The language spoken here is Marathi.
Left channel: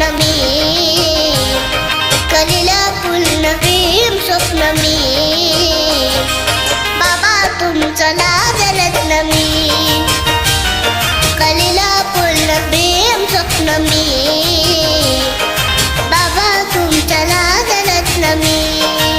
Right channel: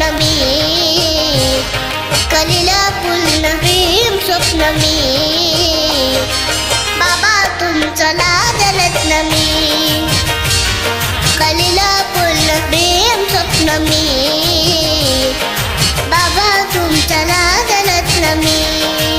स्वप्न मी, कलीला पूर्ण प्रेम स्वप्न मी, बाबा तुमचं लाजरत्न मी, कलीला पूर्ण प्रेम स्वप्न मी, बाबा तुमचं लाजरत्न मी.